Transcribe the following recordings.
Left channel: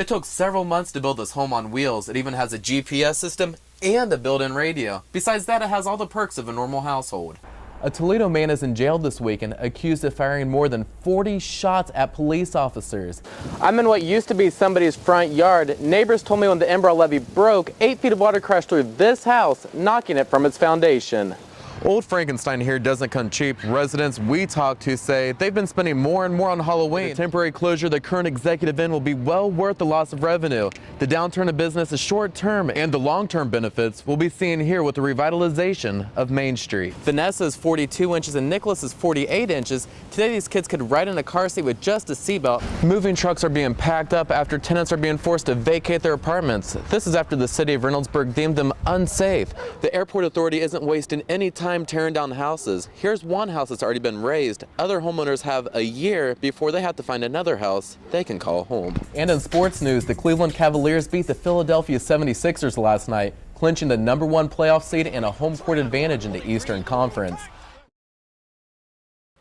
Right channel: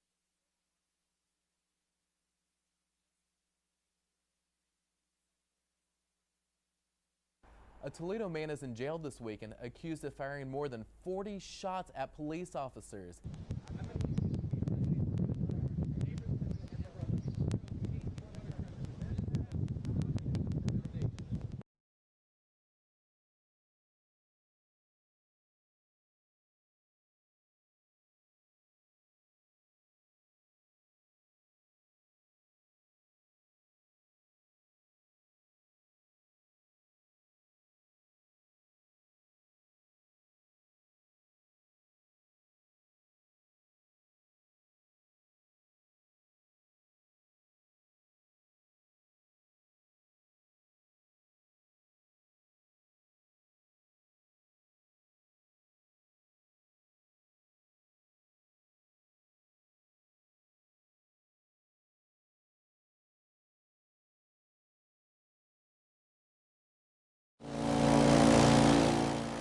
It took several months to build this home on wheels. It even has a GPS system and a built-in radio. Besides that, it has all the perks of a normal household. A Toledo man is in jail this weekend, accused of firing more than 40 shots at police officers. I'm in what used to be somebody's front yard. Neighbors told me when the Enbrow levee broke, 8 feet of water crashed through this house, knocking it from its foundation. Old Frankenstein here doesn't come cheap. Residents we talked to say they've been spending more and more on Halloween. The temporary closure of the current executive inn will be well worth the loss of revenue. The downturn of business is short term, and the long-term benefits we'll be seeing here with the revitalization of Main Street. Vanessa is 42 inches and Nicholas is 48 inches. Today these kids could ride in a car seat with just a seatbelt. Moving trucks are being packed up after tenants are being forced to vacate their apartments. This is after the city of Reynoldsburg deemed them unsafe. The airport authority isn't wasting any time tearing down houses. Here's one house that's already been raised. Other homeowners have a year before they have to find another house they can call home. And in sports news, the Cleveland Cavaliers beat the Philadelphia 76ers last night, clinching the #1 playoff seed and a home court advantage in the Eastern Conference.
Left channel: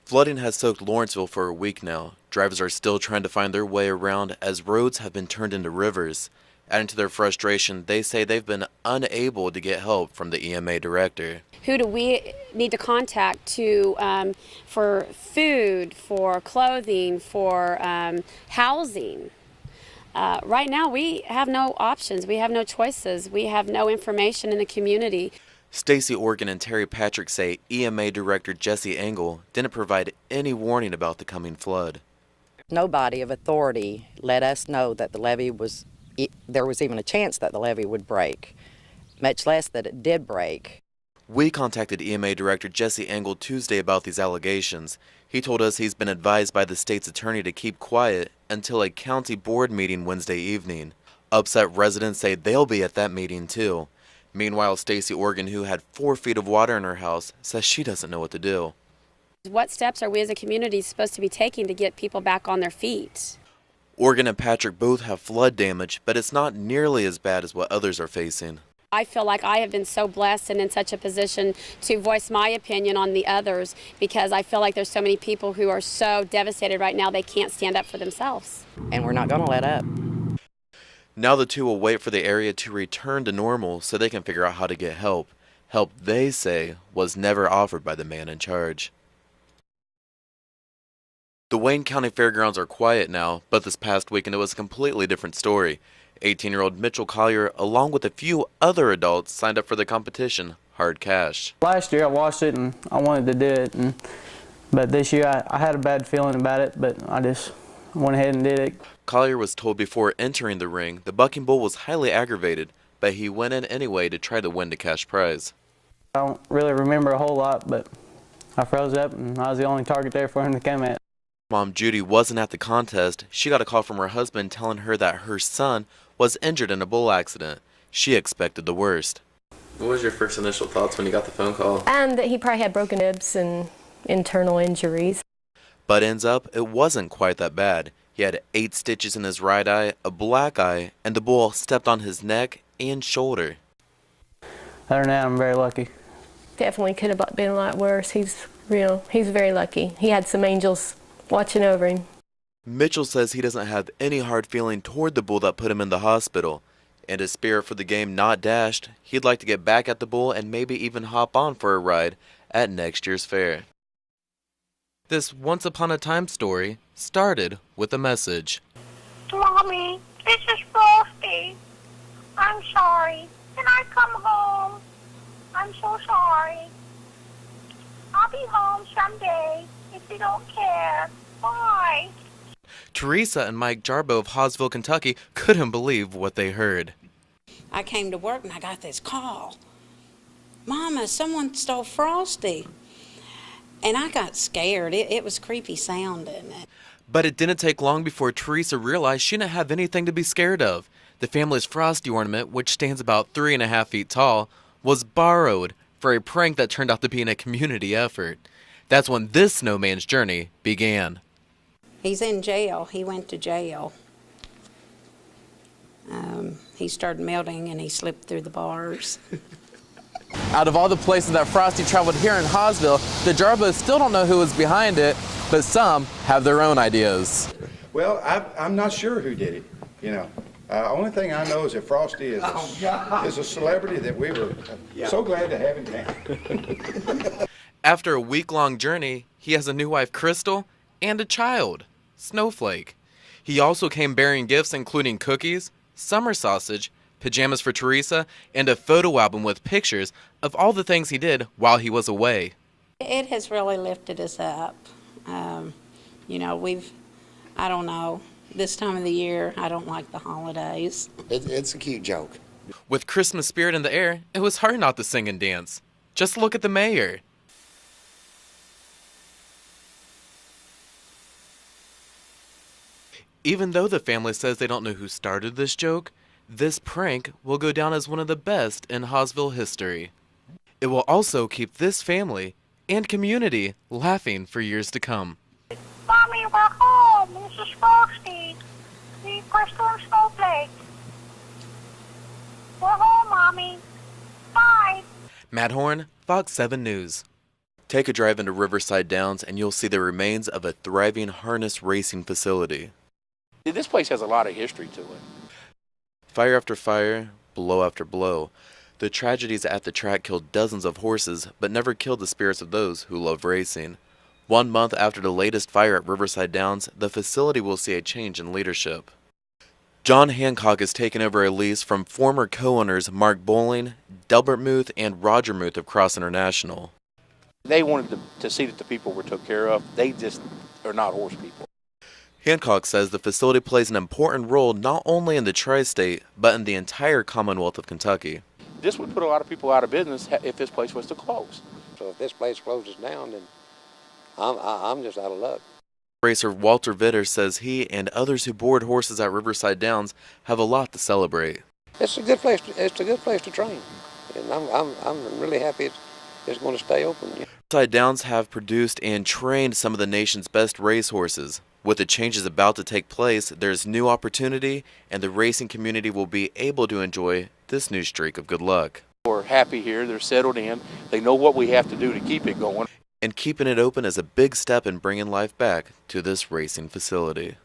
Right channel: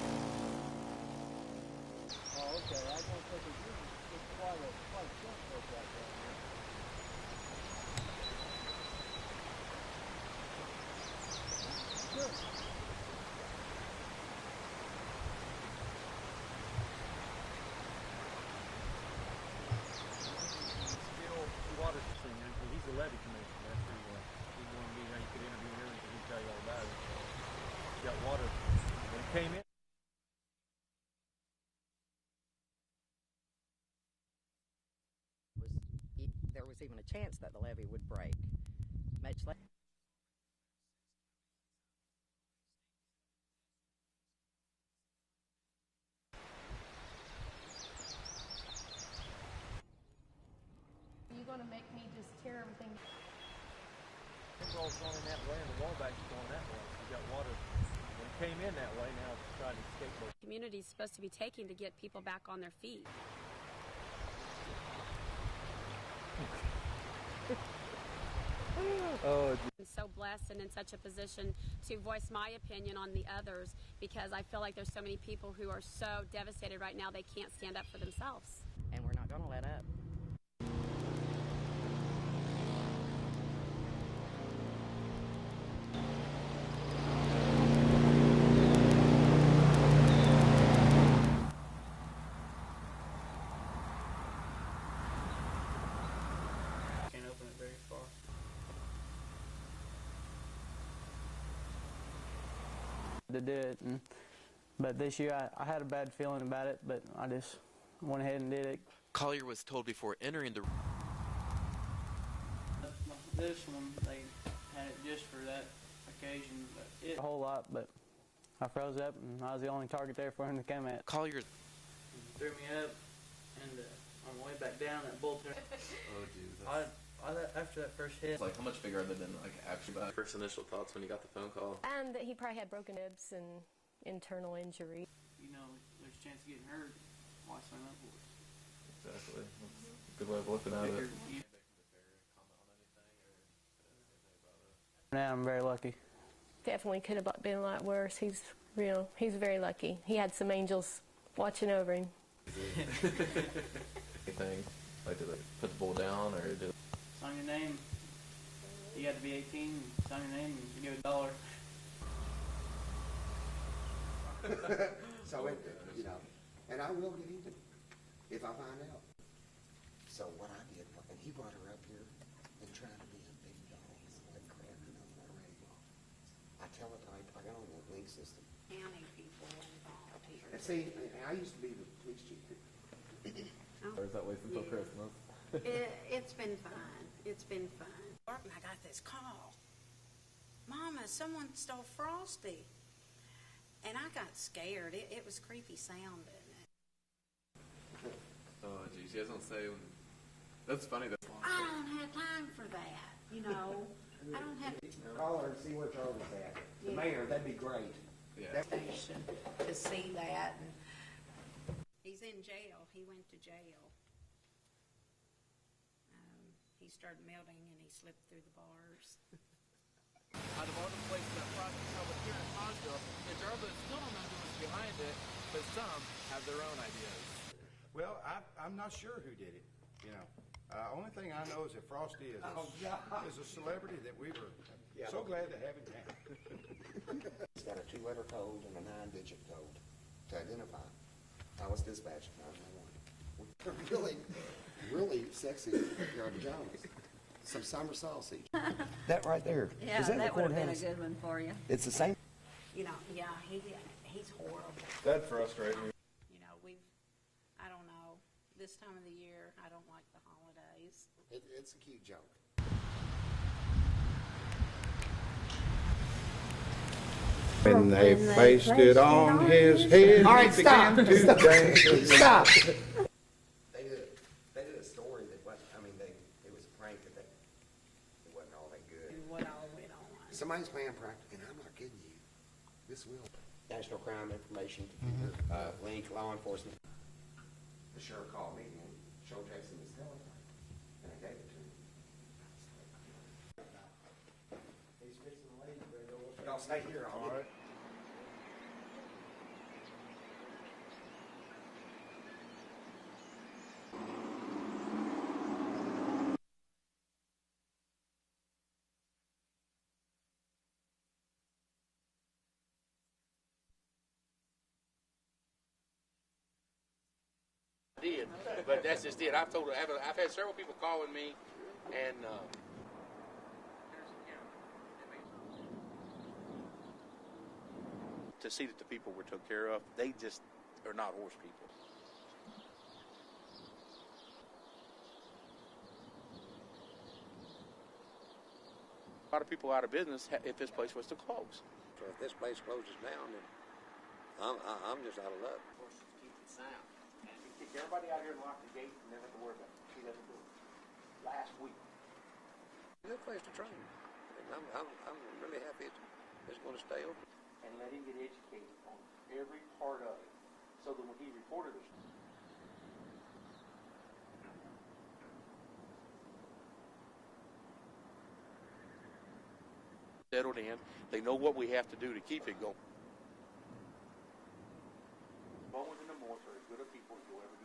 Flooding has soaked Lawrenceville for a week now. Drivers are still trying to find their way around as roads have been turned into rivers. Adding to their frustration, they say they've been unable to get help from the EMA director. Who do we need to contact for food, for clothing, for housing? Right now we have no options, we have no choices, we have no information in the community. Stacey Organ and Terry Patrick say EMA Director Jesse Engel didn't provide any warning about the coming flood. Nobody of authority let us know that the levee there was even a chance that the levee would break, much less that it did break. We contacted EMA Director Jesse Engel Tuesday about these allegations. He told us he's been advised by the state's attorney to keep quiet until a county board meeting Wednesday evening. Upset residents say they'll be at that meeting too. Meanwhile, Stacey Organ, who had 4 feet of water in her house, says she doesn't know what to do. What steps are we as a community supposed to be taking to get people back on their feet? Organ and Patrick both have flood damage, but it's not nearly as bad as what others are facing. I feel like I have been so blessed and in such a position to voice my opinion on the others, because I feel like there's so many people who are so devastated right now they can't stand up for themselves. And we're not going to let up. Now the two will wait for the area to return to normal so they can figure out how to get help. Help they say was never offered by the man in charge. The Wayne County Fairgrounds are quiet now, but this past weekend it was a completely different story. 18-year-old Mitchell Collier, along with a few other adults, signed up for the competition, Hard Cash. Last year I watched it and I wanted to do it, but this year I had a bad feeling about it, but I just went ahead and did it. Collier was told before entering the ring the bucking bull was highly aggravated, but he went in anyway to try to win the cash prize. I don't really remember a whole lot, but I froze up and I was the only target there for him to come at. Collier's mom, Judy, wasn't at the contest. She got a call from her husband telling her that her son was injured in a bull accident. She expected the worst. What was your first initial thoughts when you got the phone call? That he probably had broken ribs and internal injuries. But ends up, it wasn't quite that bad. He had 8 stitches in his right eye, a black eye, and the bull stepped on his neck and shoulder. Other than that, I'm very lucky. Definitely could have been a lot worse. He's very lucky. He had some angels watching over him. Mitchell says he doesn't have any hard feeling toward the bull that put him in the hospital. And his spirit for the game not dashed, he'd like to get back at the bull and maybe even hop on for a ride at next year's fair. This once upon a time story started with a message. Mommy, this is Frosty. I'm sorry. Can I come home? I'm so sorry. I'll be home someday if you don't care. Bye. Teresa and Mike Jarbo of Hawesville, Kentucky couldn't believe what they heard. I came to work and I got this call. Mama, someone stole Frosty. And I got scared. It was creepy sounding. But it didn't take long before Teresa realized she didn't have anything to be scared of. The family's Frosty ornament, which stands about 3.5 feet tall, was borrowed for a prank that turned out to be a community effort. That's when this snowman's journey began. He's in jail. He went to jail. He started melting and he slipped through the bars. Out of all the places that Frosty traveled here in Hawesville, the Jarbos still don't know who was behind it, but some have their own ideas. Well, I'm not sure who did it, you know. Only thing I know is that Frosty is a celebrity that we were so glad to have in town. After a week-long journey, he has a new wife, Crystal, and a child, Snowflake. He also came bearing gifts including cookies, summer sausage, pajamas for Teresa, and a photo album with pictures of all the things he did while he was away. It has really lifted us up. You know, I don't know, this time of the year, I don't like the holidays. It's a cute joke. With Christmas spirit in the air, it was hard not to sing and dance. Just look at the mayor. When they placed it on his head, All right, stop. Stop. Even though the family says they don't know who started this joke, this prank will go down as one of the best in Hawesville history. It will also keep this family and community laughing for years to come. Mommy, we're home. This is Frosty. The Crystal and Snowflake. We're home, Mommy. Bye. Matt Horn, Fox 7 News. Take a drive into Riverside Downs and you'll see the remains of a thriving harness racing facility. This place has a lot of history to it. Fire after fire, blow after blow. The tragedies at the track killed dozens of horses, but never killed the spirits of those who love racing. 1 month after the latest fire at Riverside Downs, the facility will see a change in leadership. John Hancock has taken over a lease from former co-owners Mark Bowling, Delbert Muth, and Roger Muth of Cross International. They wanted to see that the people were took care of. They just are not horse people. Hancock says the facility plays an important role not only in the tri-state, but in the entire Commonwealth of Kentucky. This would put a lot of people out of business if this place was to close. So if this place closes down, then I'm just out of luck. Racer Walter Vitter says he and others who board horses at Riverside Downs have a lot to celebrate. It's a good place. It's a good place to train, and I'm really happy it's going to stay open. Riverside Downs have produced and trained some of the nation's best racehorses. With the changes about to take place, there's new opportunity, and the racing community will be able to enjoy this new streak of good luck. We're happy here. They're settled in. They know what we have to do to keep it going. And keeping it open is a big step in bringing life back to this racing facility.